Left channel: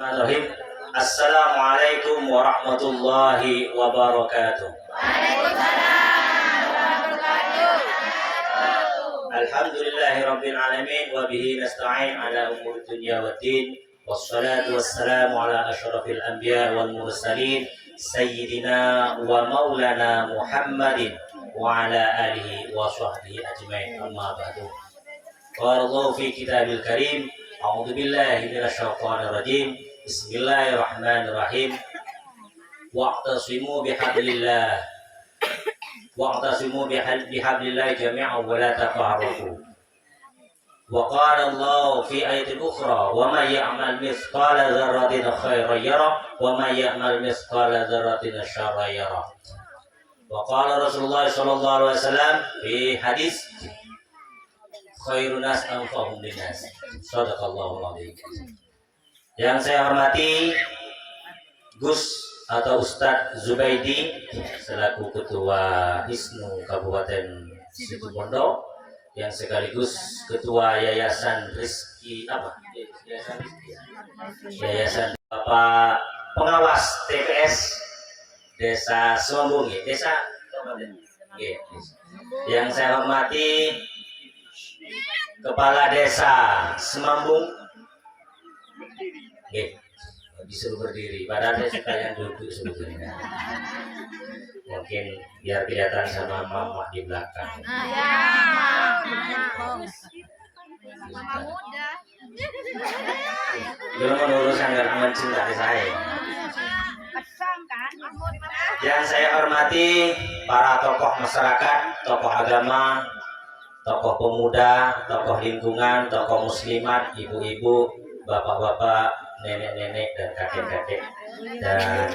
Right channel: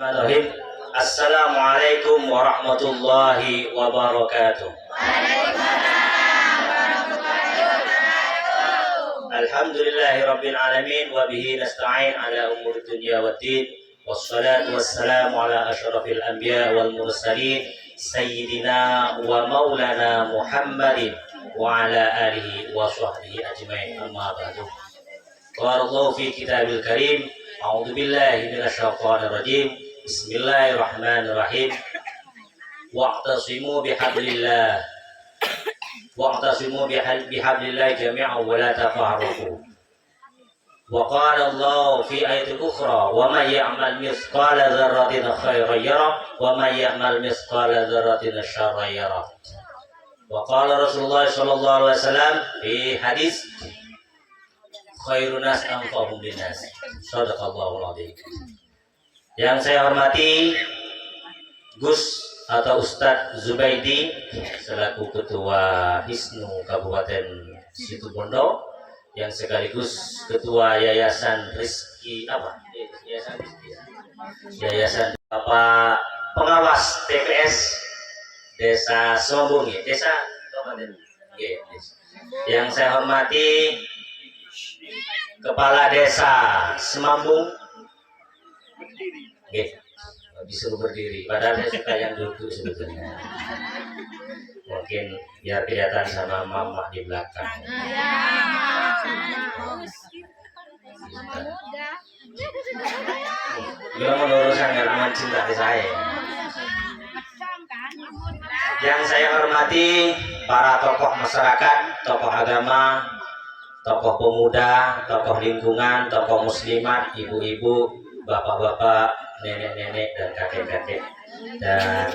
Bismillahirrahmanirrahim. Assalamualaikum warahmatullahi wabarakatuh. Alhamdulillahi rabbil alamin wa bihi nasta'in ala umuri dunya waddin. Wassalatu wassalamu ala asyrafil anbiya wal mursalin sayyidina wa maulana Muhammadin wa ala alihi wa sahbihi ajmain. Amma ba'du. Qala Allah fi kitabil karim. A'udzu billahi minasyaitonir rajim. Bismillahirrahmanirrahim. Wa'tasimu bihablillah jami'an wa la tafarraqu. Wa qala Allah fi ayatin ukhra, wa may ya'mal mithqala dzarratin khairan yarah wa may ya'mal mithqala dzarratin syarran yarah. Wa qala Rasulullah sallallahu alaihi wasallam fi hadis khairun nas anfa'uhum linnas. Shadaqallahul adzim. Yang saya hormati Gus atau Ustadz Zubaidi selaku Ketua Hisnu Kabupaten Situbondo, yang sekaligus Ketua Yayasan Rizki Yayasan Bapak Pengawas TPS Desa Semambung, Desa yang saya hormati Kepala Desa Semambung. Disuruh berdiri, padahal saya suka yang duduk sebetulnya. Mungkin biar kelihatan sama mama di belakang. Belum menurusan aman cinta ke saya. Yang saya hormati para tokoh masyarakat, tokoh agama, tokoh pemuda, tokoh lingkungan, tokoh muslimat, ibu-ibu, bapak-bapak, nenek-nenek dan kakek-kakek, dan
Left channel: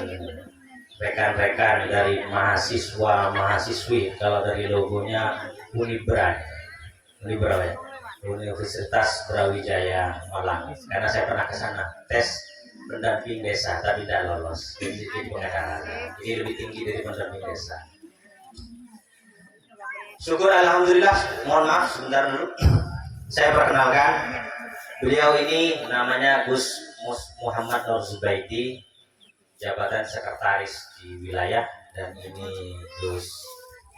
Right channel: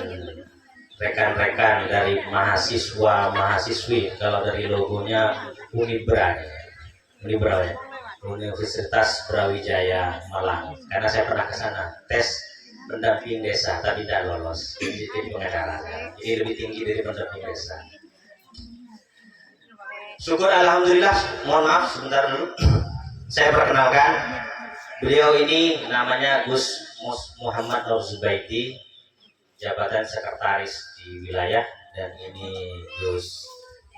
rekan-rekan dari mahasiswa-mahasiswi. Kalau dari logonya Unibra ya, Universitas Brawijaya Malang. Karena saya pernah ke sana tes pendamping desa tapi tidak lolos, jadi pengacara. Jadi lebih tinggi dari pendamping desa. Syukur alhamdulillah. Mohon maaf sebentar dulu. Saya perkenalkan, beliau ini namanya Gus Muhammad Nur Zubaidi, jabatan sekretaris di wilayah, dan ini Gus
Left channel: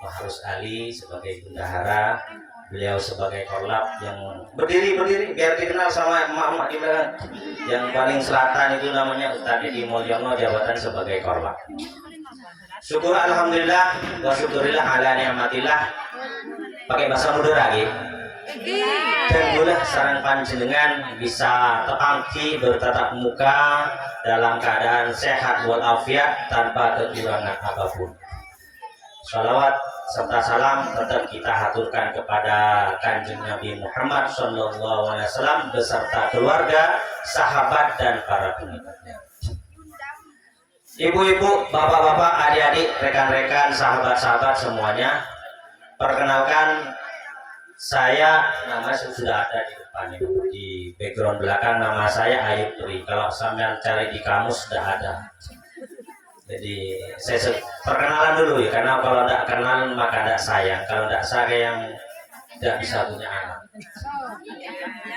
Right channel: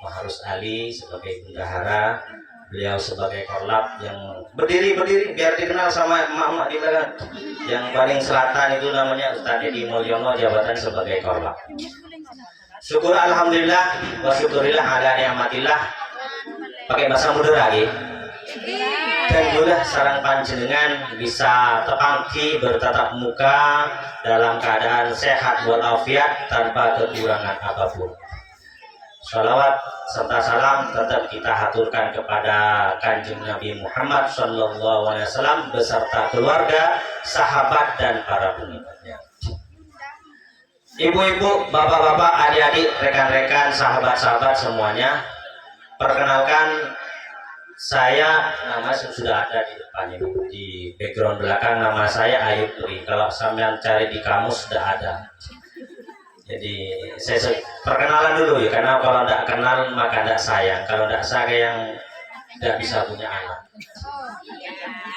Mahrus Ali sebagai bendahara, beliau sebagai korlap yang berdiri biar dikenal sama emak-emak di belakang. Yang paling selatan itu namanya Ustadz Edi Mulyono, jabatan sebagai korlap. Syukur alhamdulillah wa syukurillah ala ni'matillah. Pakai bahasa muda lagi. Dan boleh sarang panjenengan bisa tepangki bertatap muka dalam keadaan sehat walafiat tanpa kekurangan apapun. Salawat serta salam tetap kita haturkan kepada Kanjeng Nabi Muhammad SAW beserta keluarga, sahabat, dan para pengikutnya. Ibu-ibu, bapak-bapak, adik-adik, rekan-rekan, sahabat-sahabat semuanya, perkenalkan, saya, nama sudah ada di depannya, di background belakang nama saya Ayub Pri. Kalau sampean cari di kamus sudah ada. Jadi saya perkenalan dulu ya, karena kalau tidak kenal maka tidak sayang. Kalau tidak sayang tidak bisa punya anak.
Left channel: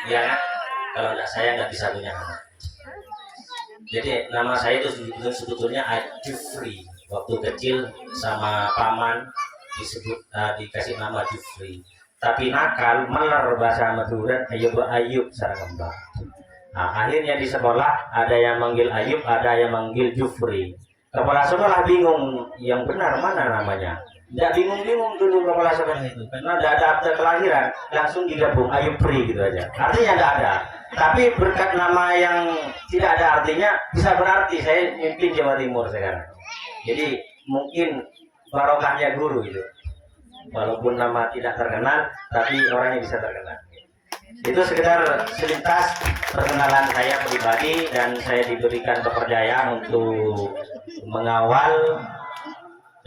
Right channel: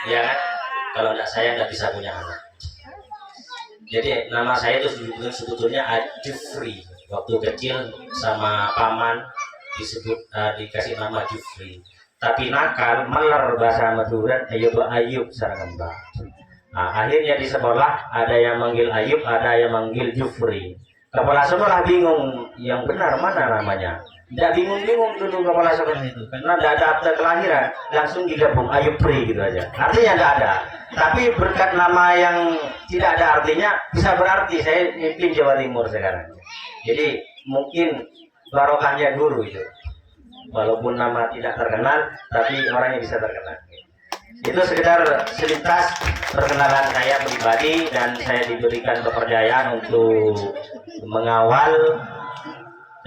Ya kan? Kalau tidak sayang tidak bisa punya anak. Jadi nama saya itu sebetulnya Jufri. Waktu kecil sama paman dikasih nama Jufri. Tapi nakal, meler bahasa Madura, Ayub sareng Mbah. Nah, akhirnya di sekolah ada yang manggil Ayub, ada yang manggil Jufri. Kepala sekolah bingung, yang benar mana namanya? Tidak bingung dulu kepala sekolah itu, karena tidak ada akte kelahiran, langsung digabung Ayub Pri gitu aja. Artinya tidak ada. Tapi berkat nama yang tidak ada artinya bisa berarti saya mimpin Jawa Timur sekarang. Jadi mungkin barokahnya guru itu. Walaupun nama tidak terkenal, tapi orangnya bisa terkenal. Itu sekedar selintas perkenalan saya pribadi, dan saya diberikan kepercayaan untuk mengawal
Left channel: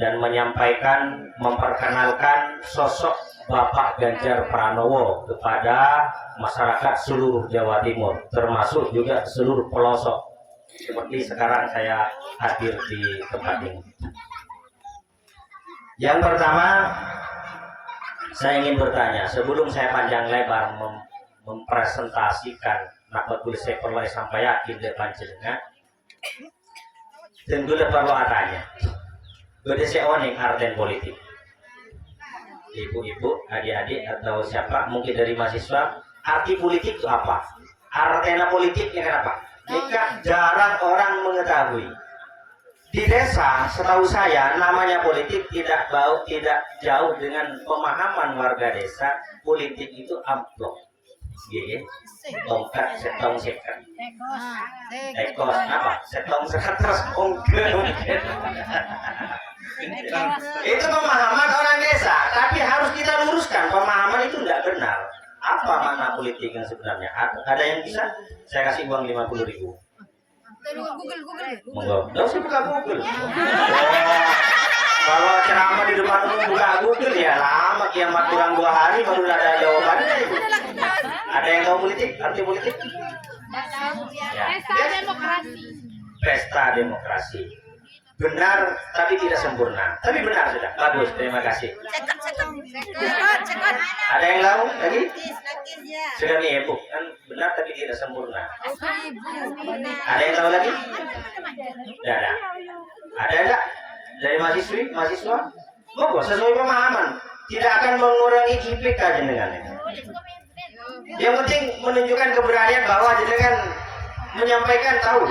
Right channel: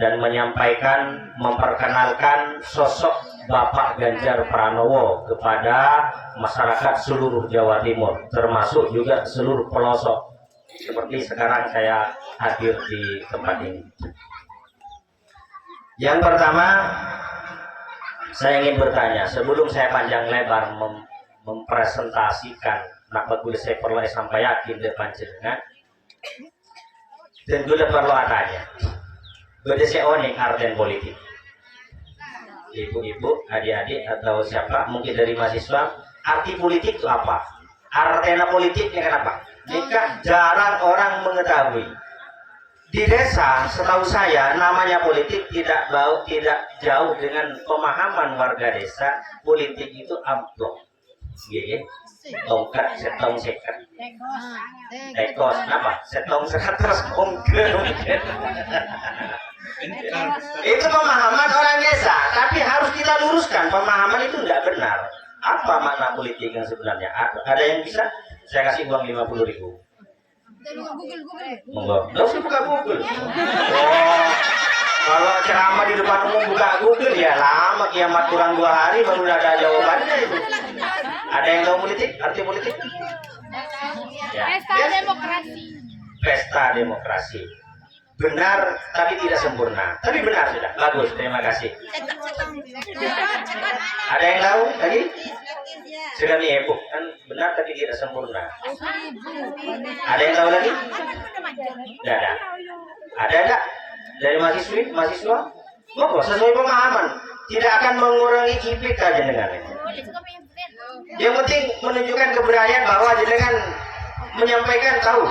dan menyampaikan, memperkenalkan sosok Bapak Ganjar Pranowo kepada masyarakat seluruh Jawa Timur, termasuk juga seluruh pelosok. Seperti sekarang saya hadir di tempat ini. Yang pertama, saya ingin bertanya sebelum saya panjang lebar mempresentasikan nak bagul saya perlu sampai yakin depan jenengan dan gula perlu adanya gula saya oning arten politik ibu-ibu, adik-adik atau siapa mungkin dari mahasiswa arti politik itu apa? Artena politiknya kenapa? Jika jarang orang mengetahui di desa setahu saya namanya politik tidak jauh dengan pemahaman warga desa politik itu amplop gitu tongkat setong sekat tekos apa setong 100 ongke itu pemahaman orang desa tapi harus kita luruskan pemahaman itu tidak benar apa makna politik yang sebenarnya ada yang bisa saya kasih uang 50.000 monggo nggak usah buka Google kalau ceramah di depan umum buka Google ya lama kiamat kurang 2 hari baru ada jawabannya itu. Ada yang tahu politik arti politik ya. Pesta demokrasi benar tapi tidak sempurna tapi benar sudah bagus terima kasih ada yang tahu tadi sudah ibu kan benar tapi tidak sempurna ada yang tahu lagi tidak ada enggak dari mahasiswa monggo sesuai pemahaman tidak akan mengurangi IPK jenengan yang penting menunjukkan keberanian bahwa jenengan menyampaikan tahu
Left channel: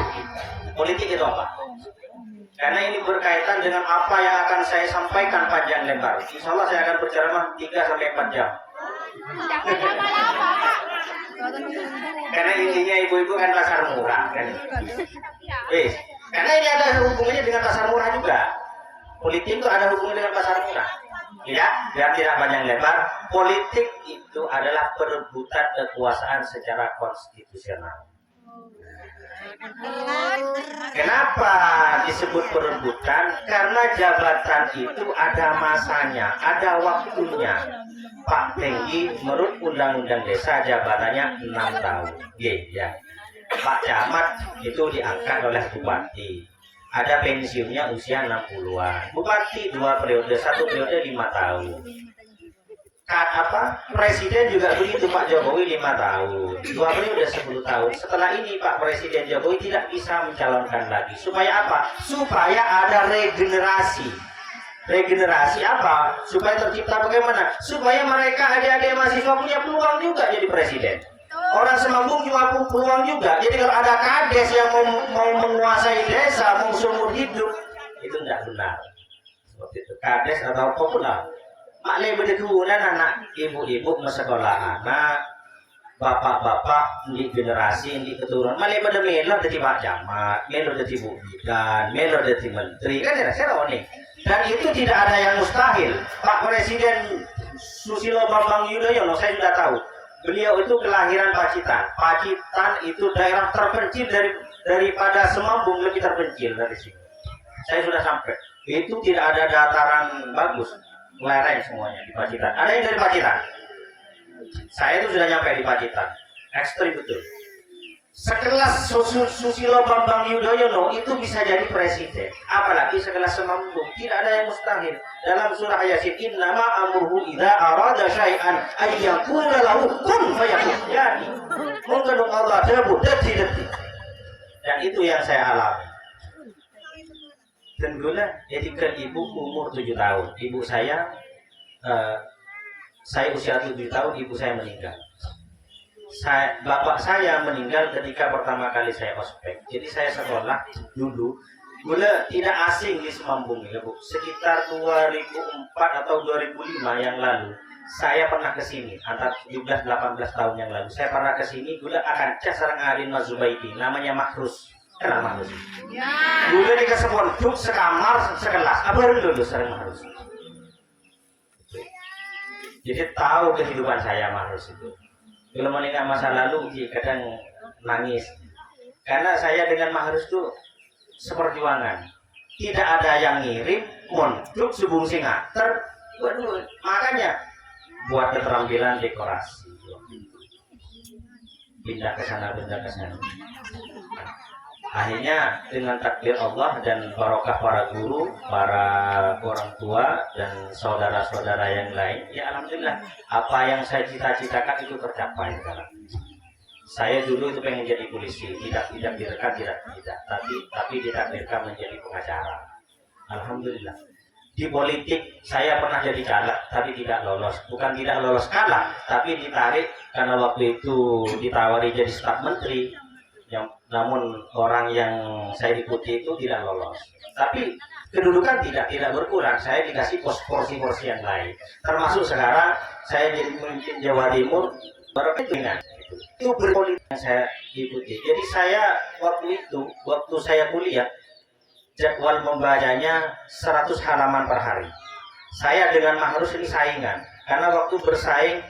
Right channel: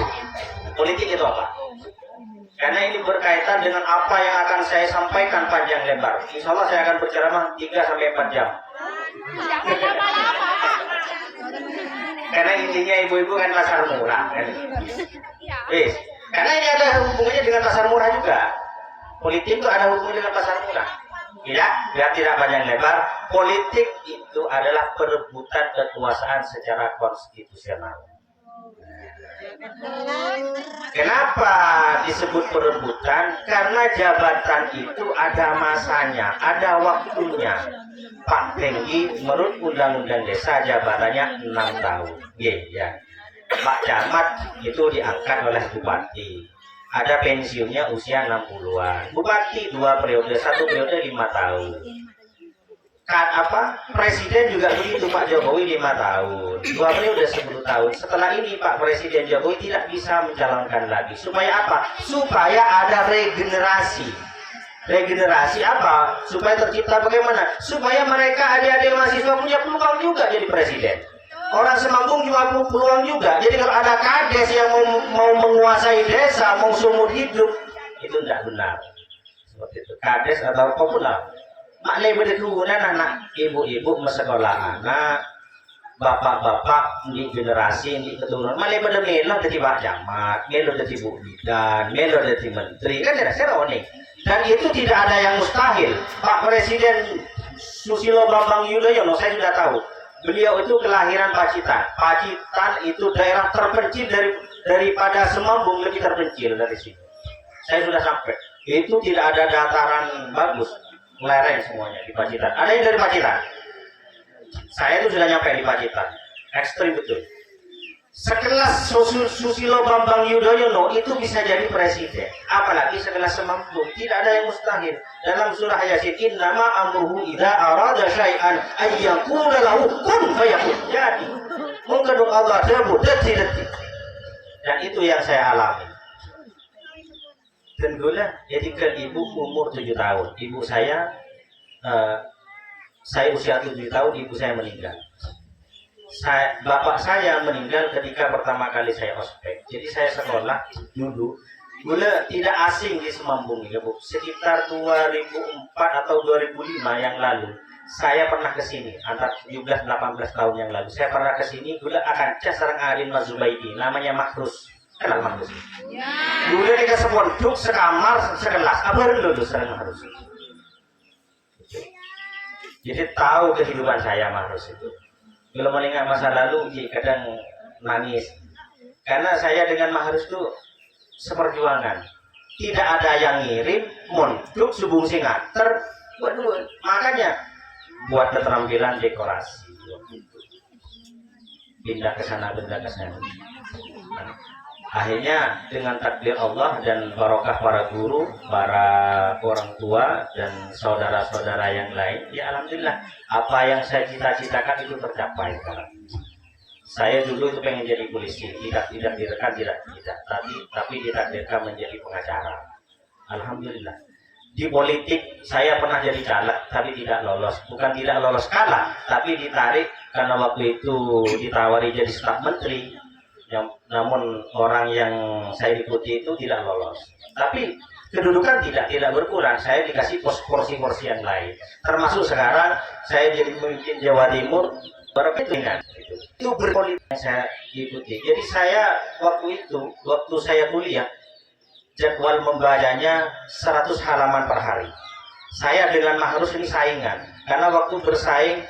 politik itu apa karena ini berkaitan dengan apa yang akan saya sampaikan panjang lebar. Insya Allah saya akan berceramah 3-4 jam. Karena intinya ibu-ibu kan pasar murah kan. Karena ini ada hubungannya dengan pasar murah juga. Politik itu ada hubungannya dengan pasar murah. Biar tidak panjang lebar. Politik itu adalah perebutan kekuasaan secara konstitusional. Kenapa disebut perebutan? Karena jabatan itu ada masanya, ada waktunya. Pak Tenggi menurut Undang-Undang Desa jabatannya 6 tahun. Ya. Pak Camat itu diangkat oleh Bupati. Ada pensiunnya usia 60-an. Bupati 2 periode, 1 periode 5 tahun. Presiden juga begitu Pak Jokowi 5 tahun 2 periode 10 tahun setelah ini Pak Presiden Jokowi tidak bisa mencalonkan lagi supaya apa? Supaya ada regenerasi apa? Supaya tercipta bagaimana? Supaya mereka adik-adik mahasiswa punya peluang juga jadi presiden orang Semanggung juga peluang juga jadi kalau ada kades yang mau menguasai desa mau seumur hidup itu tidak benar seperti itu kades atau populer maknanya berkegunan anak ibu-ibu sekolah anak bapak-bapak di generasi di keturunan maknanya pada melo jadi Pak Camat melo jadi Bu Bidan melo jadi menteri kan saya tahu nih dan itu tidak ada yang mustahil Pak Presiden Susilo Bambang Yudhoyono saya sudah tahu beliau itu kelahiran Pacitan itu daerah terpencil daripada Semambung lebih terpencil dari sini saya sudah sampai itu tidak ada dataran bagus lereng semuanya di Pacitan. Ada yang dari Pacitan? Saya itu sudah nyampe di Pacitan. Ekstrim betul. Sekelas Susilo Bambang Yudhoyono itu bisa jadi presiden. Apalagi sekelas Semambung. Tidak ada yang mustahil. Dalam surah Yasin, innama amruhu idza arada syai'an ayyaqula lahu kun fayakun. Jadi, mengandung Allah debut detik-detik. Dan itu yang saya alami. Dan gula jadikan ibu umur 7 tahun. Ibu saya usia 7 tahun, ibu saya meninggal. Bapak saya meninggal ketika pertama kali saya ospek. Jadi saya sekolah dulu. Gula tidak asing di Semambung ya Bu. Sekitar 2004 atau 2005 yang lalu. Saya pernah ke sini antara 17-18 tahun yang lalu. Saya pernah ke sini gula akan sareng Arin Mazubaidi namanya Makrus. Kenal Makrus? Ya. Dulu kita sepondok sekamar sekelas. Abang dulu sering Makrus. Jadi tahu kehidupan saya Makrus itu. Kalau mengingat masa lalu kadang nangis. Karena saya dengan Makrus itu seperjuangan. Tidak ada yang ngirim mondok subung singater. Makanya buat keterampilan dekorasi. Pindah ke sana, pindah ke sana. Akhirnya dengan takdir Allah dan barokah para guru, para orang tua dan saudara-saudara yang lain, ya alhamdulillah apa yang saya cita-citakan itu tercapai sekarang. Saya dulu itu pengen jadi polisi, tidak direkam, tapi ditakdirkan menjadi pengacara. Alhamdulillah. Di politik saya pernah jadi caleg, tapi tidak lolos. Bukan tidak lolos kalah, tapi ditarik karena waktu itu ditawari jadi staf menteri. Namun orang yang saya ikuti itu tidak lolos. Tapi kedudukan tidak berkurang. Saya dikasih porsi-porsi yang lain. Termasuk sekarang saya jadi pemimpin Jawa Timur berkepentingan. Itu berpolitik yang saya ikuti. Jadi saya waktu saya kuliah, jadwal membacanya 100 halaman per hari. Saya dengan Mahrus ini saingan. Karena waktu bersaing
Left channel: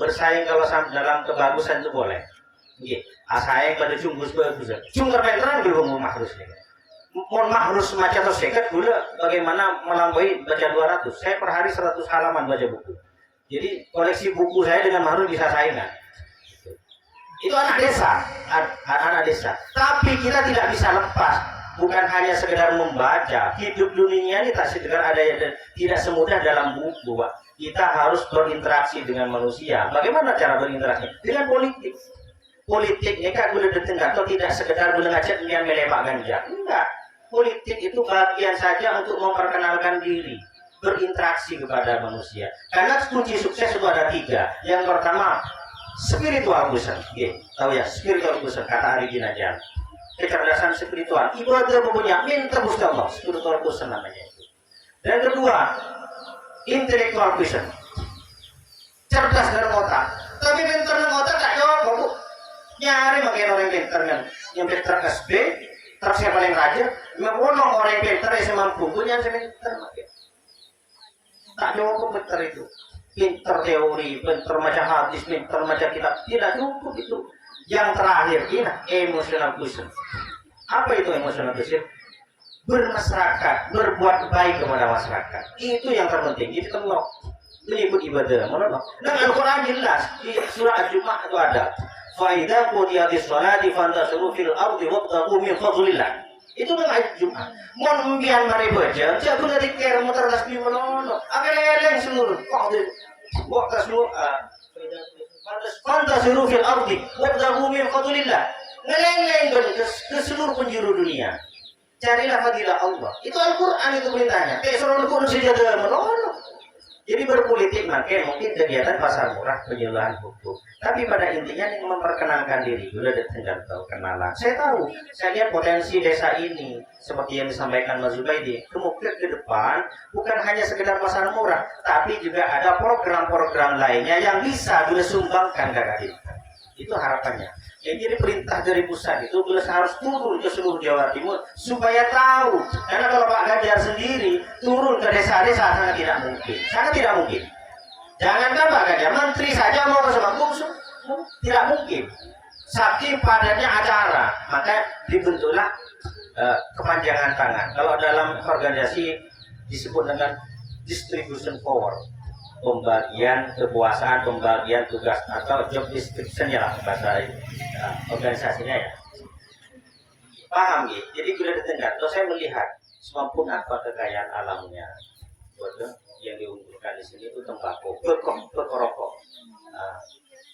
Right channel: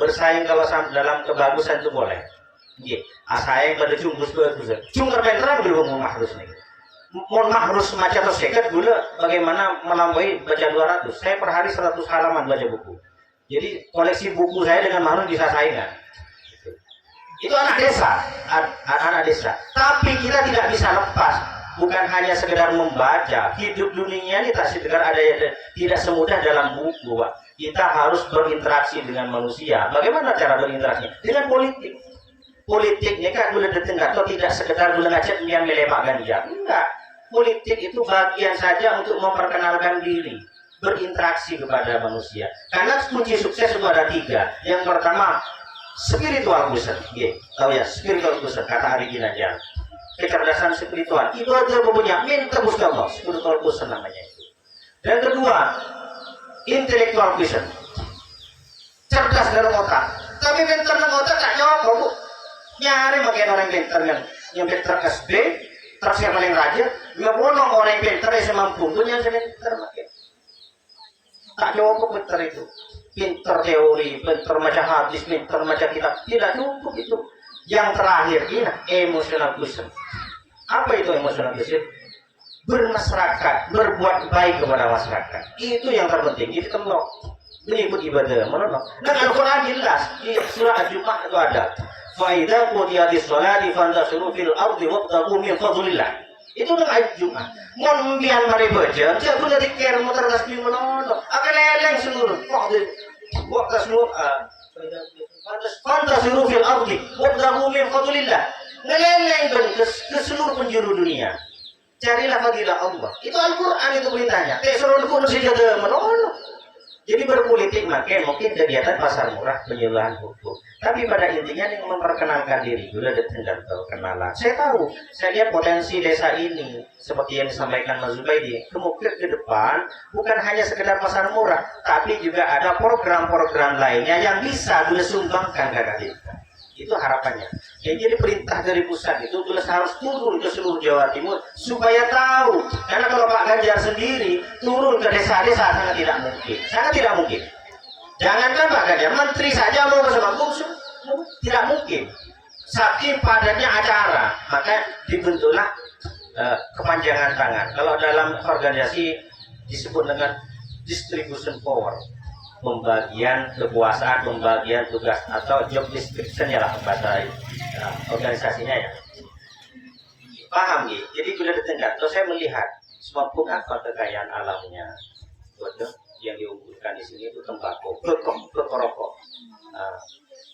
bersaing kalau dalam kebagusan itu boleh. Nggih, saing pada bagus. Cung terpenterang dulu mau Mahrus nih. Mohon Mahrus maca atau seket dulu bagaimana melampaui baca 200. Saya per hari 100 halaman baca buku. Jadi koleksi buku saya dengan Mahrus bisa saingan. Itu anak desa. Tapi kita tidak bisa lepas. Bukan hanya sekedar membaca. Hidup dunia ini tidak semudah dalam buku, Pak. Kita harus berinteraksi dengan manusia. Bagaimana cara berinteraksi? Dengan politik. Politik ini kan boleh ditengah atau tidak sekedar boleh ngajak yang melepak ganja. Enggak. Politik itu bagian saja untuk memperkenalkan diri, berinteraksi kepada manusia. Karena kunci sukses itu ada 3. Yang pertama, spiritual person. Tahu ya, spiritual person kata Ari Ginanjar. Kecerdasan spiritual. Ibadah punya minta busca Allah. Spiritual person namanya itu. Dan kedua, intellectual person. Cerdas dalam otak. Tapi pintar dalam otak tak jawab, Bu. Nyari makin orang pintar yang pintar SB, terus yang paling rajin, membunuh orang pintar yang semampu punya yang pintar makin. Tak cukup pintar itu. Pintar teori, pintar macam hadis, pintar macam kitab, tidak cukup itu. Yang terakhir ini emotional person. Apa itu emotional person? Bermasyarakat, berbuat baik kepada masyarakat. Itu yang terpenting. Itu tenok. Ini ikut ibadah, menolak. Dan Al-Quran jelas di surah Al-Jum'ah itu ada. Faidah qudiyadis sholati fantasiru fil ardi wabtaghu min fadlillah. Itu dengan ayat Jum'ah. Mon biar mari baca, jangan boleh dikira muter tasbih menolak. Akan eleng seluruh. Waktu seluruh fantasiru fil ardi wabtaghu min fadlillah. Ngeleng ke seluruh penjuru dunia. Carilah fadilah Allah. Itu Al-Quran itu perintahnya. Seluruh pun sejadah menolak. Jadi berpolitik makanya mungkin kegiatan pasar murah penyuluhan hukum. Tapi pada intinya ini memperkenalkan diri dulu ada tinggal kenalan. Saya tahu, saya lihat potensi desa ini seperti yang disampaikan Mas Zubaidi. Kemungkinan ke depan bukan hanya sekedar pasar murah, tapi juga ada program-program lainnya yang bisa dulu sumbangkan kakak desa. Itu harapannya. Jadi perintah dari pusat itu harus turun ke seluruh Jawa Timur supaya tahu. Karena kalau Pak Ganjar sendiri turun ke desa-desa sangat tidak mungkin. Jangankan Pak Ganjar, menteri saja mau ke Semanggung tidak mungkin. Saking padatnya acara, maka dibentuklah kepanjangan tangan. Kalau dalam organisasi disebut dengan distribution power. Pembagian kekuasaan, pembagian tugas atau job description ya lah bahasa organisasinya ya. Paham gitu? Jadi bila ditingkat, terus saya melihat semampu apa kekayaan alamnya. Betul? Yang diunggulkan di sini itu tembakau, rokok.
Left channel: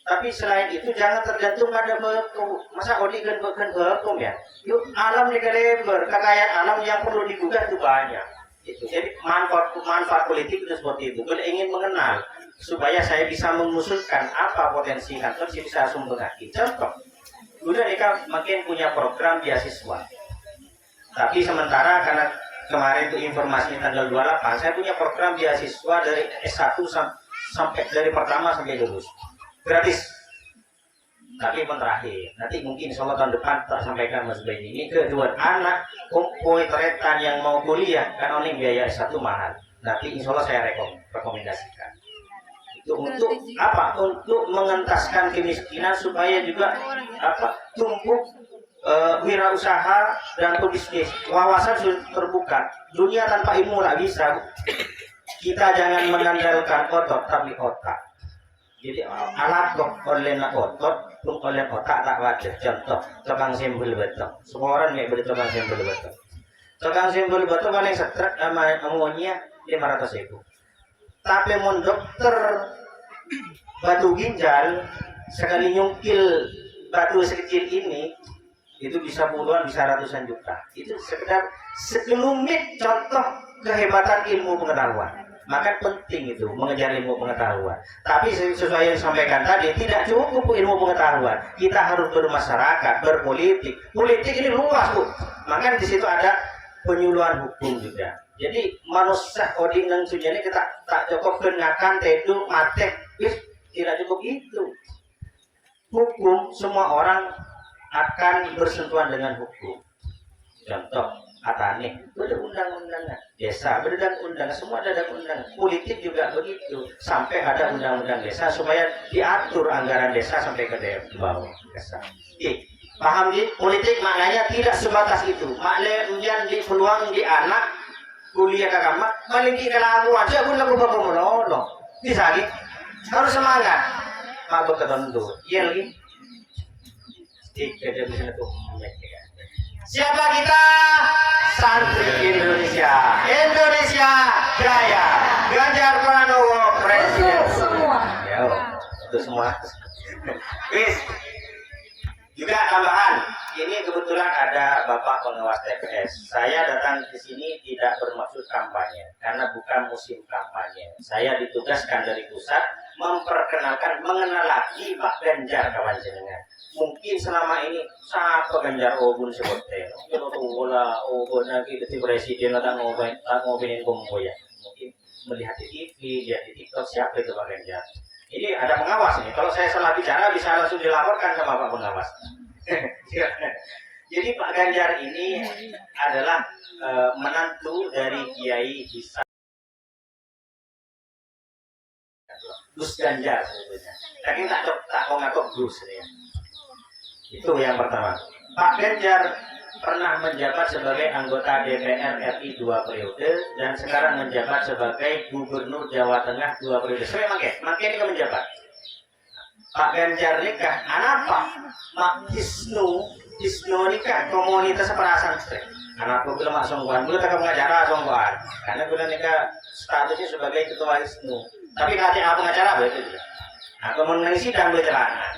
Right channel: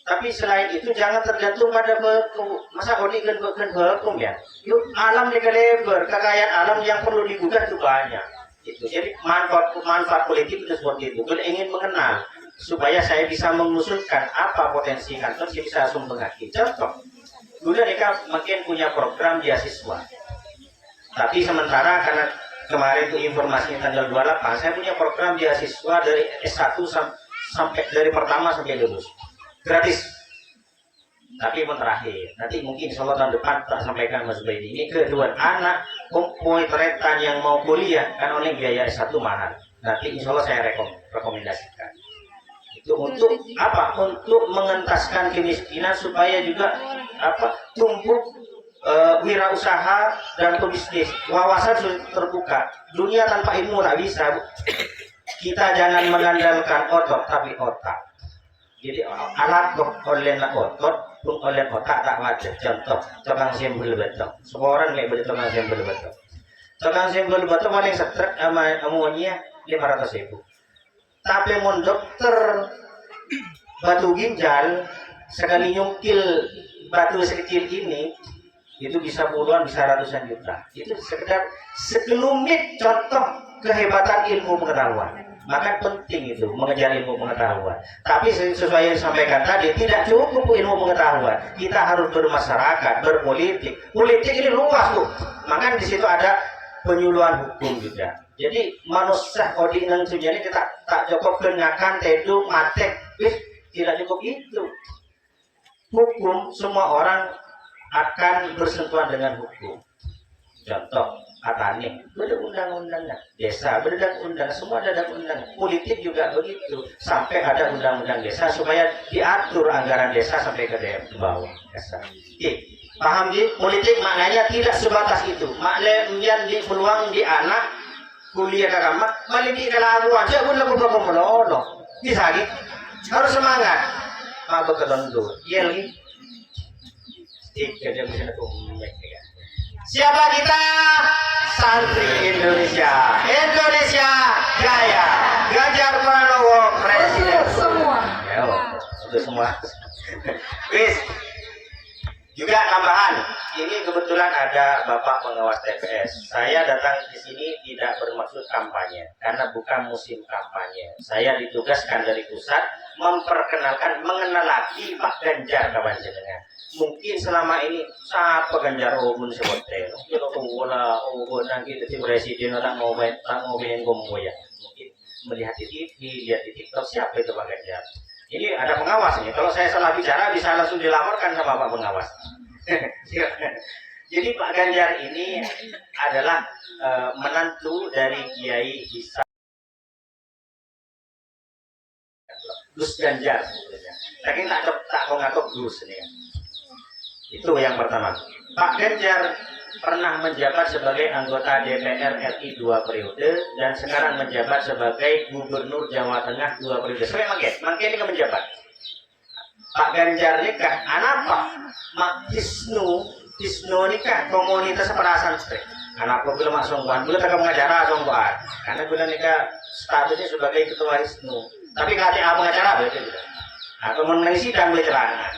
Tapi selain itu jangan tergantung pada beku. Masa kodi kan bekum ya? Yuk alam dikelebar, kekayaan alam yang perlu digugat itu banyak. Itu jadi manfaat politik itu seperti itu. Kalau ingin mengenal supaya saya bisa mengusulkan apa potensi kantor, saya bisa langsung mengerti. Contoh, dulu mereka makin punya program beasiswa. Tapi sementara karena kemarin itu informasi tanggal 28, saya punya program beasiswa dari S1 sampai dari pertama sampai lulus, gratis. Tapi yang terakhir, nanti mungkin insya Allah tahun depan tak sampaikan Mas Bayi ini kedua anak kumpul teretan yang mau kuliah kan oleh biaya satu mahal. Nanti insya Allah saya rekomendasikan. Itu untuk apa? Untuk mengentaskan kemiskinan supaya juga apa? Tumbuh wirausaha dan pebisnis. Wawasan sudah terbuka. Dunia tanpa ilmu tak bisa. Kita jangan mengandalkan otot tapi otak. Jadi alat kok oleh otot, pun oleh otak tak wajar. Contoh, tukang simbol beton. Semua orang nggak boleh tukang simbol beton. Tukang simbol beton paling setrek sama amonia 500.000. Tapi mau dokter batu ginjal sekali nyungkil batu sekecil ini itu bisa puluhan, bisa ratusan juta. Itu sekedar sekelumit contoh kehebatan ilmu pengetahuan. Maka penting itu mengejar ilmu pengetahuan. Tapi sesuai yang disampaikan tadi, tidak cukup ilmu pengetahuan. Kita harus bermasyarakat, berpolitik. Politik ini luas, Bu. Maka di situ ada penyuluhan hukum juga. Jadi manusia kodi nang sujani kita tak cukup kenyakan tedu mate, tidak cukup itu. Hukum semua orang akan bersentuhan dengan hukum. Contoh Atane, berundang-undangnya, desa berundang-undang, semua ada undang. Politik juga begitu, sampai ada undang-undang desa supaya diatur anggaran desa sampai ke daerah bawah desa. Paham di politik maknanya tidak sebatas itu. Maknanya di peluang di anak kuliah ke kamar, melingki ke laluan, saya pun lagu bapak melolong. Bisa gitu, harus semangat. Mabuk ke tentu, iya nih. Tidak bisa siapa kita? Santri Indonesia. Indonesia Jaya. Ganjar Pranowo Presiden. Semua. Untuk semua. Bis. Juga tambahan, ini kebetulan ada Bapak pengawas TPS. Saya datang di sini tidak bermaksud kampanye, karena bukan musim kampanye. Saya ditugaskan dari pusat memperkenalkan, mengenalaki Pak Ganjar kawan jenengan. Mungkin selama ini saat Pak Ganjar obun seperti itu, wala obun lagi jadi presiden orang ngobrolin ya. Mungkin melihat di TV, lihat di TikTok siapa itu Pak Ganjar. Ini ada pengawas nih. Kalau saya salah bicara bisa langsung dilaporkan sama Pak pengawas. Jadi Pak Ganjar ini adalah menantu dari Kiai Bisa Gus Ganjar sebetulnya. Tapi tak kau ngaku Gus ya. Itu yang pertama. Pak Ganjar pernah menjabat sebagai anggota DPR RI 2 periode dan sekarang menjabat sebagai Gubernur Jawa Tengah 2 periode. Saya makin ini menjabat. Pak Ganjar ini kan anak Pak Mak Hisnu ini kan komunitas perasaan anak aku bilang langsung bukan dulu tak mengacara langsung bukan karena bilang nikah statusnya sebagai ketua Hisnu tapi kalau pengacara berarti juga atau mengenai sidang keterangan.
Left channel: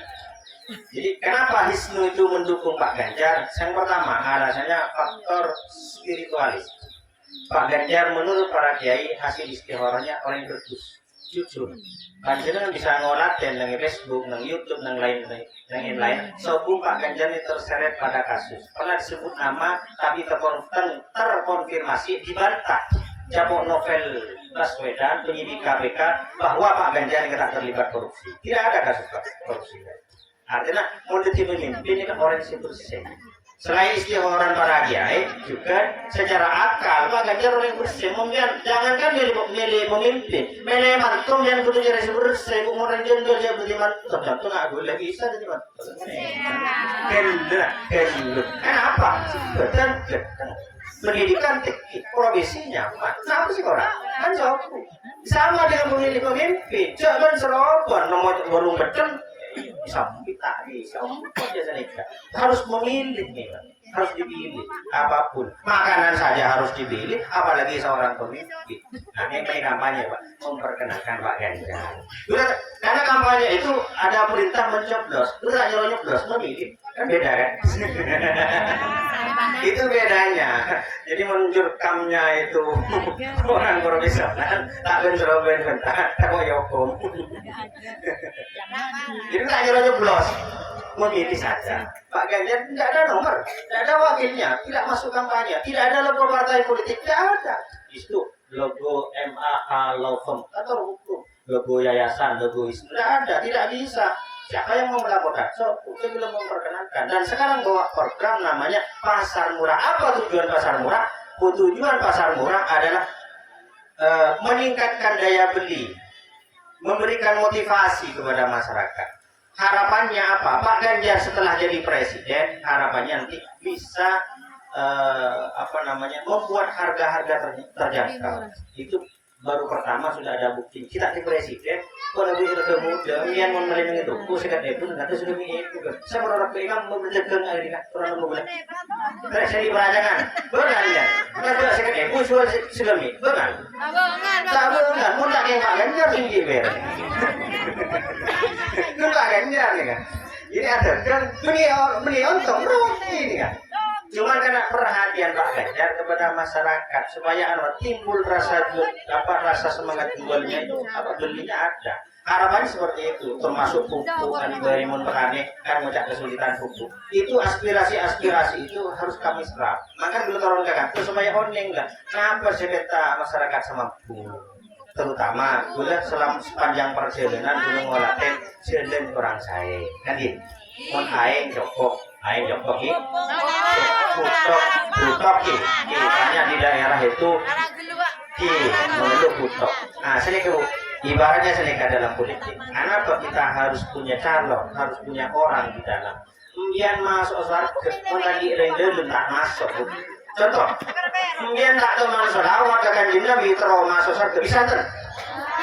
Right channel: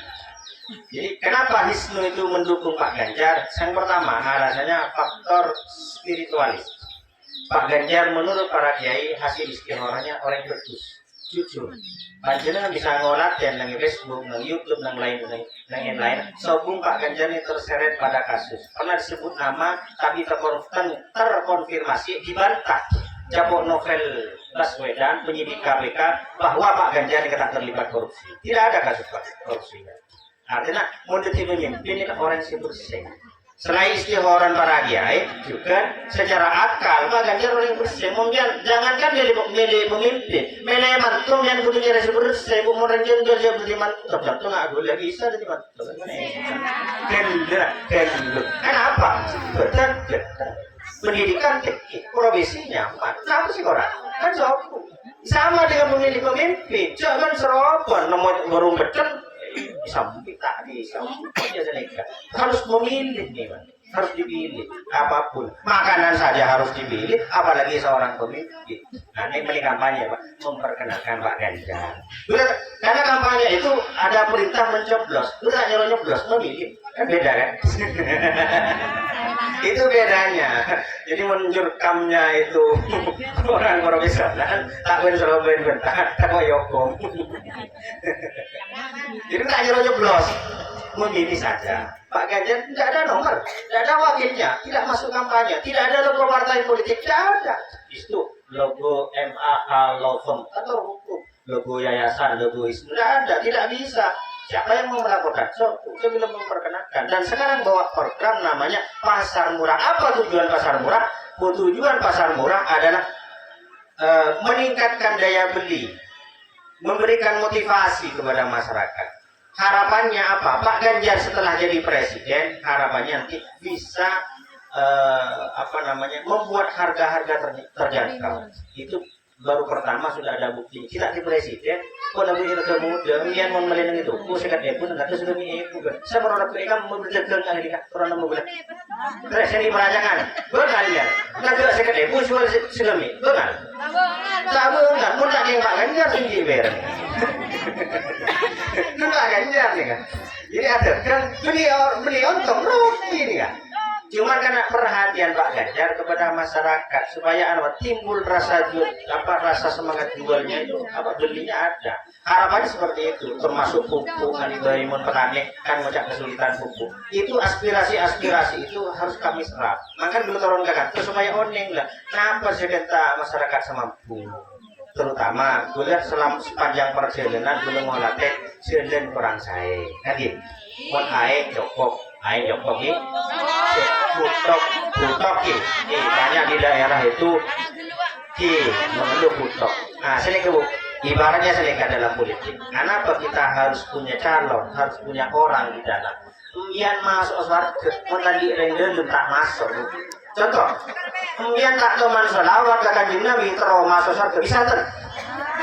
Jadi kenapa Hisnu itu mendukung Pak Ganjar? Yang pertama alasannya faktor spiritualis. Pak Ganjar menurut para kiai hasil istikharahnya orang yang berdus, jujur. Panjenengan bisa ngolah dan nang Facebook, nang YouTube, nang lain. Sobung Pak Ganjar ini terseret pada kasus. Pernah disebut nama tapi terkonfirmasi dibantah. Jabok Novel Baswedan penyidik KPK bahwa Pak Ganjar ini tak terlibat korupsi. Tidak ada kasus korupsi. Artinya mau jadi pemimpin ini kan orang yang bersih. Selain istihoran para kiai juga secara akal Pak Ganjar orang yang bersih. Jangankan jadi pemimpin, menemantum yang kudu jadi bersih. Kemudian dia kerja beriman, terjatuh nggak boleh bisa jadi mantum. Kenapa? Betul. Pendidikan profesinya, apa sih orang? Kan sama dengan pemilih pemimpin. Jangan serobot nomor warung beton. Bisa harus memilih nih, harus dipilih apapun makanan saja harus dipilih apalagi seorang pemimpin. Nah ini kampanye Pak memperkenalkan Pak Ganjar karena kampanye itu ada perintah mencoblos udah nyoblos memilih kan beda kan. Itu bedanya. Jadi menjurkamnya itu orang profesional tak ben tak koyoko. Jadi tak nyoblos memilih saja. Pak Ganjar tidak ada nomor, tidak ada wakilnya, tidak masuk kampanye, tidak ada logo partai politik, tidak ada. Itu logo MAH Law Firm atau hukum, logo yayasan, logo Hisnu, tidak ada, tidak bisa. Siapa yang mau melaporkan? Saya belum memperkenalkan. Dan sekarang bawa program namanya pasar murah. Apa tujuan pasar murah? Tujuan pasar murah adalah meningkatkan daya beli, memberikan motivasi kepada masyarakat. Harapannya apa? Pak Ganjar setelah jadi presiden, harapannya nanti bisa membuat harga-harga terjangkau. Itu baru pertama sudah ada bukti. Kita di presiden, kalau kita ketemu dengan memerintah itu, sekat itu, nanti sudah itu. Saya berharap mereka memberitakan akhirnya orang bilang, presiden perajangan, benar ya. Nanti sekat itu sudah benar. Tak benar, pun tak yang Pak Ganjar tinggi ber. Itu Pak Ganjar banyak nih kan. Ini ada kan beli lontong ini kan. Cuma karena perhatian Pak Ganjar kepada masyarakat supaya timbul rasa rasa semangat jualnya itu belinya ada. Harapannya seperti itu, termasuk pupuk kan dari petani kan macam kesulitan pupuk. Itu aspirasi itu harus kami serap. Maka belum turunkan supaya orang enggak. Kenapa cerita masyarakat semampu? Terutama gue lihat sepanjang perjalanan gue ngolatih selen perang saya. Kan gitu. Mon aing jokok ini butok ini banyak di daerah itu mengeluh butok. Nah selingkuh ibaratnya selingkuh dalam politik. Kenapa kita harus punya calon, harus punya orang di dalam. Kemudian masuk surga, lagi render tak masuk. Contoh, kemudian tak tahu masuk lawat akan Nabi terus masuk surga bisa ter?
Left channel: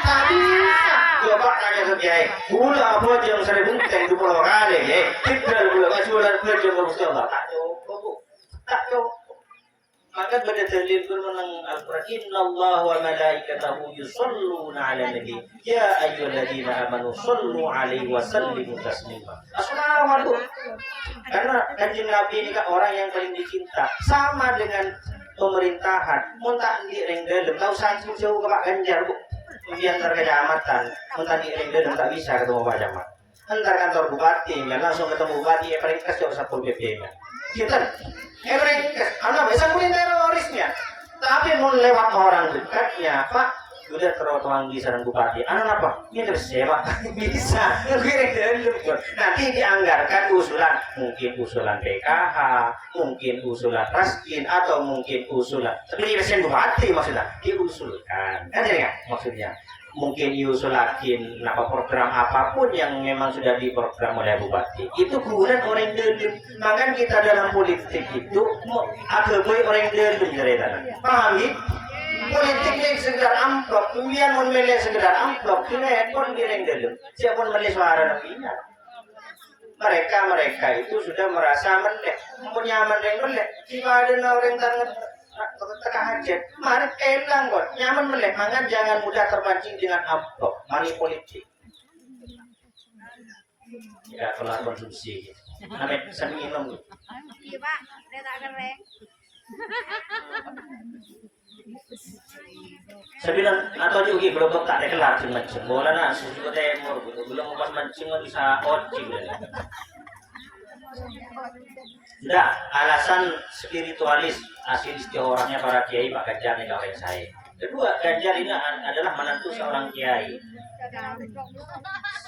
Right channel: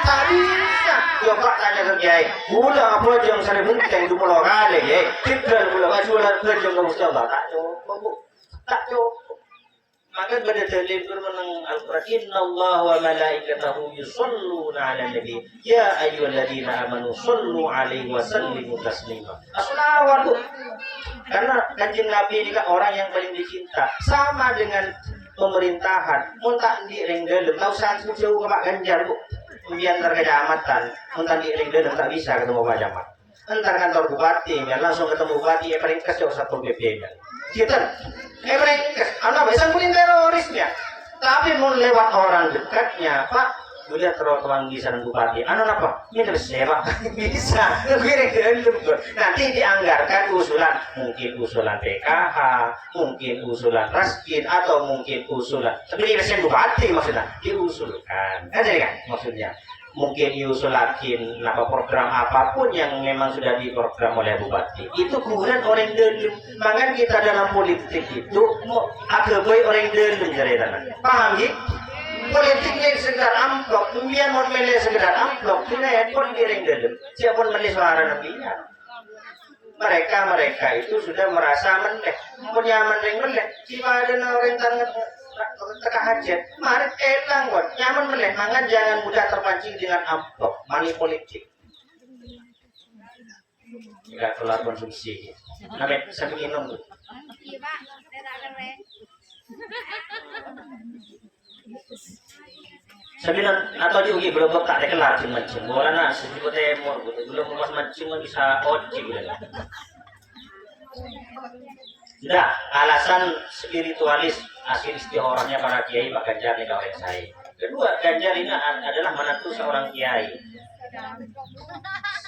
Tak bisa. Coba tanya ke Kiai, udah apa yang saya buktikan 20 kali ya? Tidak boleh masuk dalam kerja kamu coba tak coba bu, tak coba. Maka pada dalil menang Al-Quran, Inna Allah wa malaikatahu yusalluna ala nabi ya ayyuhalladzina amanu sallu alaihi wa sallimu taslima. Assalawatu. Karena kanjeng Nabi ini kan orang yang paling dicinta, sama dengan pemerintahan. Mun tak direnggelem tahu sangat jauh ke Pak Ganjar bu. Kemudian antar kecamatan, mun tak direnggelem tak bisa ketemu Pak Camat. Antar kantor bupati, langsung ketemu bupati, paling kes jauh Satpol PP-nya. Gitu. Mereka, anak bisa mungkin terorisnya, tapi mau lewat orang dekatnya, Pak, udah terlalu temangi sarang bupati, anak apa? Ini terus ya Pak, bisa, nanti dianggarkan usulan, mungkin usulan PKH, mungkin usulan Raskin, atau mungkin usulan, tapi presiden bupati maksudnya, diusulkan, kan ya maksudnya. Mungkin diusulakin program apapun yang memang sudah diprogram oleh bupati itu kemudian orang dalam. Makanya kita dalam politik itu agak baik orang dalam cerita. Paham ya? Politiknya sekedar amplop, kemudian memilih sekedar amplop, ini handphone orang dalam. Siapa memilih suara nabinya? Mereka itu sudah merasa meneh, punya meneh. Jika ada orang tangan tengah aja, mari elang buat nyaman melek, mangan jangan mudah terpancing dengan amplop, money politik. Tidak kelar konsumsi. Ada satu minum. Iya Pak, saya tak keren. Sabilan atau diugi belum tak ada kelar mancing. Bola nasi juga temur, belum pas mancing bisa oci. Sudah, alasan spiritualis asli istiqorohnya para kiai Pak Ganjar ini oleh saya. Kedua, Ganjar ini adalah menantu seorang kiai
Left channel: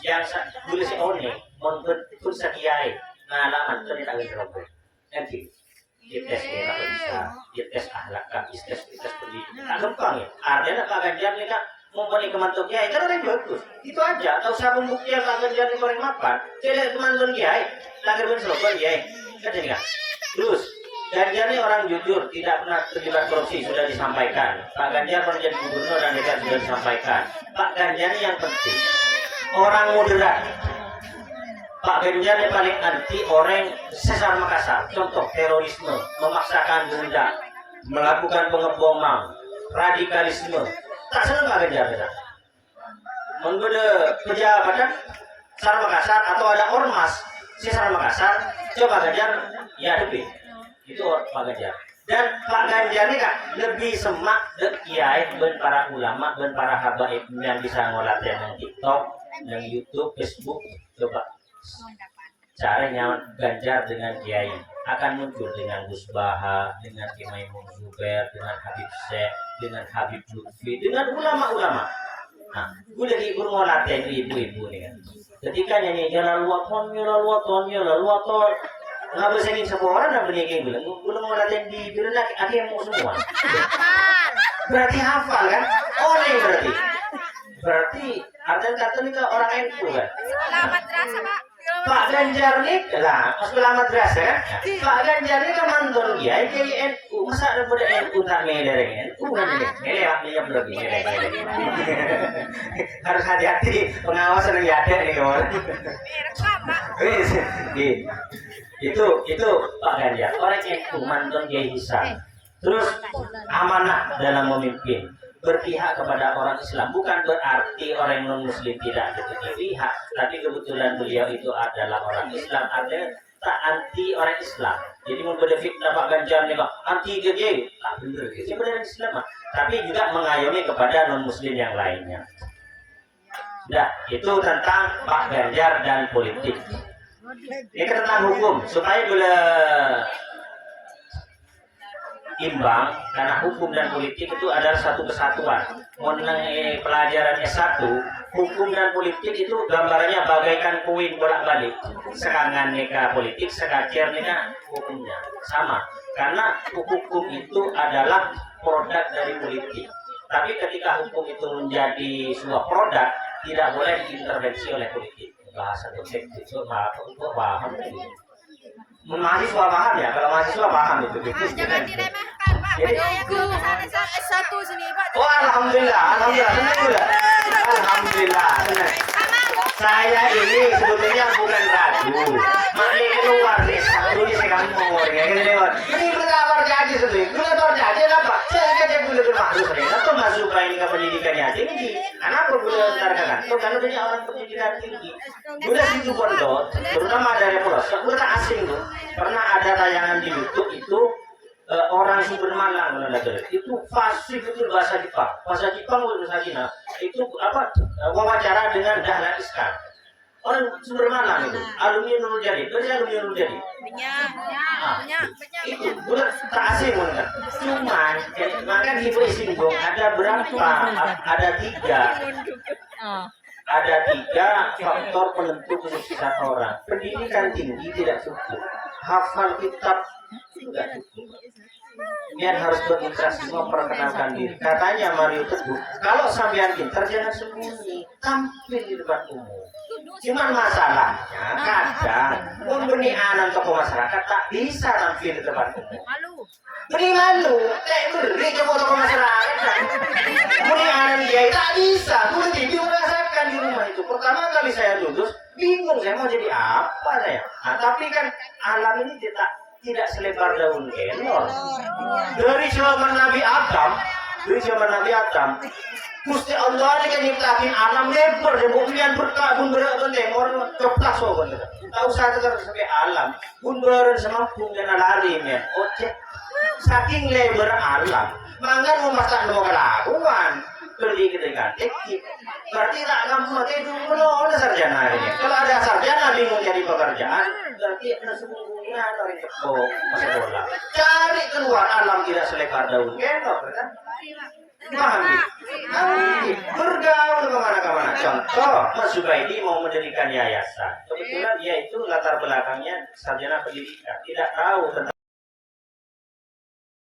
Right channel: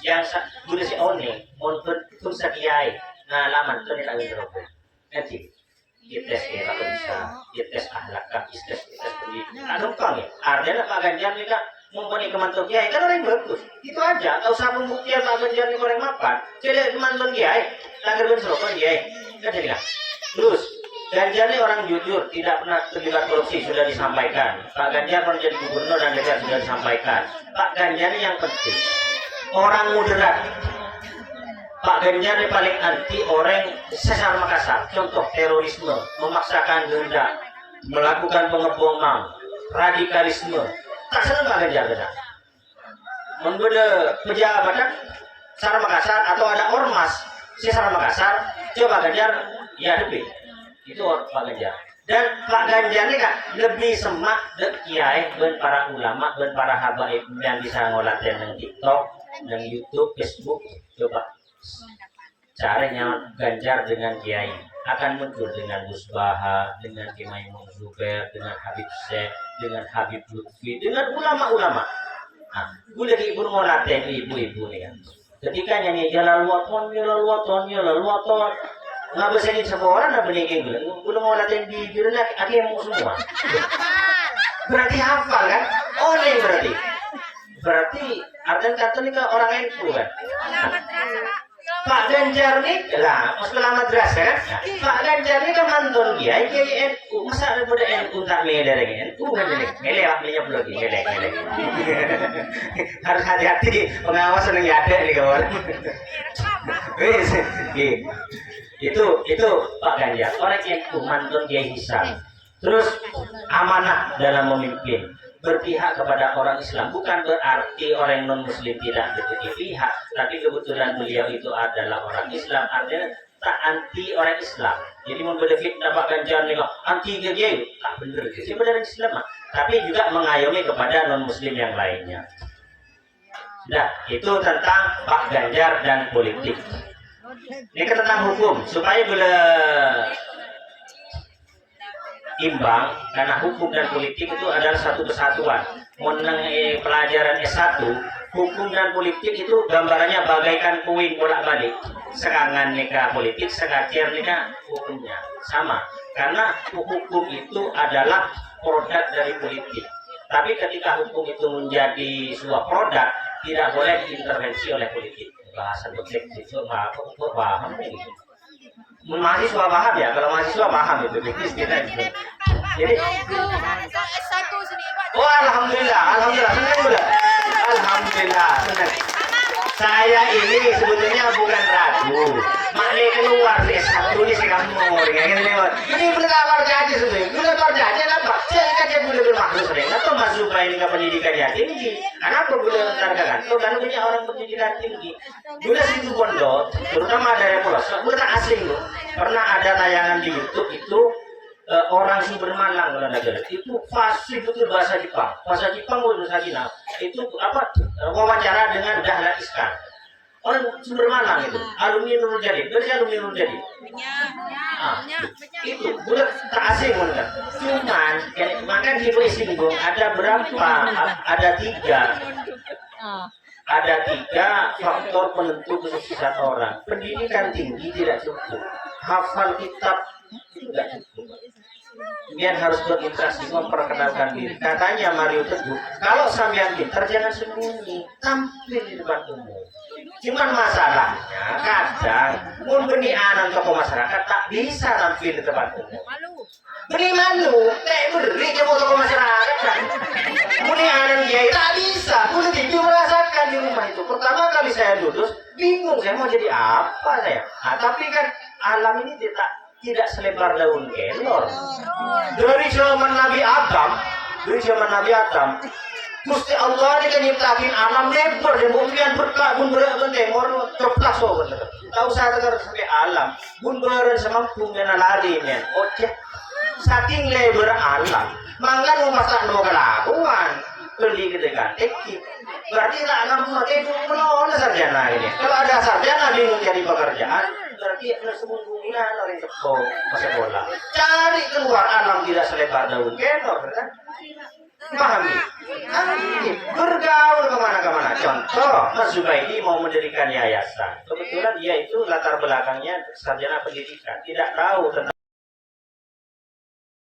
yang boleh si one, pun sa kiai, ngalaman itu tidak bisa robot. Nanti, tes ya kalau bisa, tes ahlak, tes pendidikan. Tak gampang ya. Artinya Pak Ganjar ini kan mempunyai kemantul kiai, kan orang bagus. Itu aja, tak usah membuktikan Pak Ganjar ini orang mapan. Jadi kemantul kiai, tak kerja serobot kiai. Terus, Ganjar ini orang jujur, tidak pernah terlibat korupsi, sudah disampaikan. Pak Ganjar menjadi gubernur dan dekat sudah disampaikan. Pak Ganjar ini yang penting, orang moderat. Pak Ganjar ini paling anti orang sesar Makassar. Contoh terorisme, memaksakan kehendak, melakukan pengeboman, radikalisme. Tak senang Pak Ganjar benar. Membeda pejabat Sar Makassar atau ada ormas sesar Makassar, coba Ganjar ya lebih itu Pak Ganjar. Dan Pak Ganjar ini kan lebih semak dan kiai dan para ulama dan para habaib yang bisa ngolatin yang TikTok, yang YouTube, Facebook. Coba caranya Ganjar dengan kiai akan muncul dengan Gus Baha, dengan Kiai Zubair, dengan Habib Syekh, dengan Habib Lutfi, dengan ulama-ulama. Nah, gue lagi ibu ngolatin ibu-ibu nih kan. Ketika nyanyi jalan luaton, nggak bisa ini semua orang nggak beli bilang, belum mau latihan di jurnal, akhirnya mau semua. Berarti hafal kan? Oleh berarti artinya kata ini kan orang NU kan? Pak Ganjar nih, lah masuk alamat ras kan? Pak Ganjar ini kan mantan dia, NU, masa ada pada NU tak milih NU kan ini? Milih lah, milih belum milih. Harus hati-hati, pengawasan yang ada nih kawan. Itu Pak Ganjar, orang NU mantan Kiai Hisan. Terus amanah dalam memimpin. berpihak kepada orang Islam. Bukan berarti orang non Muslim tidak berpihak, tapi kebetulan beliau itu adalah orang Islam, artinya tak anti orang Islam. Jadi memberi fitnah Pak Ganjar nih, anti GJ, tak benar sih benar Islam, tapi juga mengayomi kepada non Muslim yang lainnya. Nah, itu tentang Pak Ganjar dan politik. Ini tentang hukum, supaya bila imbang, karena hukum dan politik itu adalah satu kesatuan. Menang pelajaran S1, hukum dan politik itu gambarannya bagaikan koin bolak-balik. Serangan nikah politik, sekarang nikah hukumnya sama. Karena hukum itu adalah produk dari politik. Tapi ketika hukum itu menjadi sebuah produk, tidak boleh diintervensi oleh politik. Bahasa politik itu paham ini. Mahasiswa paham ya, kalau mahasiswa paham itu. Jadi, oh alhamdulillah, senang udah. Alhamdulillah, senang. Saya ini sebetulnya bukan ragu. Maknya keluar di satu di sekarang mau ini berapa jadi sebetulnya? Berapa jadi apa? Saya kata boleh bermaksud sebenarnya. Atau masuk ke pendidikan yang tinggi. Kenapa boleh mentarikakan? Itu kan punya orang pendidikan tinggi. Boleh situ pondok, terutama dari pelosok, bukan asing tuh. Pernah ada tayangan di YouTube itu orang Sumber Malang itu fasih betul bahasa Jepang. Bahasa Jepang udah saja. Itu apa? Wawancara dengan Dahlan Iskan. Orang Sumber Malang itu, alumni Nurul Jadi, berarti alumni Nurul Jadi. Itu bukan tak asing kan. Cuman, maka di singgung ada berapa? Ada tiga faktor penentu kesuksesan orang. Pendidikan tinggi tidak cukup, hafal kitab tidak cukup. Biar harus berinteraksi, memperkenalkan diri. Katanya Mario Teguh, kalau sampean pintar jangan sembunyi, tampil di depan umum. Cuman masalahnya kadang memberi anak tokoh masyarakat tak bisa tampil di depan umum. Beri malu, beri tokoh masyarakat kan. Beri anak dia tak bisa. Dulu dia merasakan di rumah itu. Pertama kali saya lulus, bingung saya mau jadi apa saya. Nah, tapi kan alam ini tidak selebar daun kelor. Dari zaman Nabi Adam, Gusti Allah ini kan nyiptain alam lebar, kemudian berkabun berendemor ceplas so bener. Tahu saya dengar sampai alam, bun beren semampu dan lari nya. Oke, saking lebar alam, mangga mau masak no kelakuan, pergi ke dekat berarti tak ngamuk itu menolak sarjana ini. Kalau ada sarjana bingung jadi pekerjaan, berarti sesungguhnya dari teko masuk bola. Cari keluar alam tidak selebar daun kelor, kan? Pahami? Bergaul kemana-kemana. Contoh, Mas Zubaidi mau mendirikan yayasan. Kebetulan dia itu latar belakangnya sarjana pendidikan, tidak tahu tentang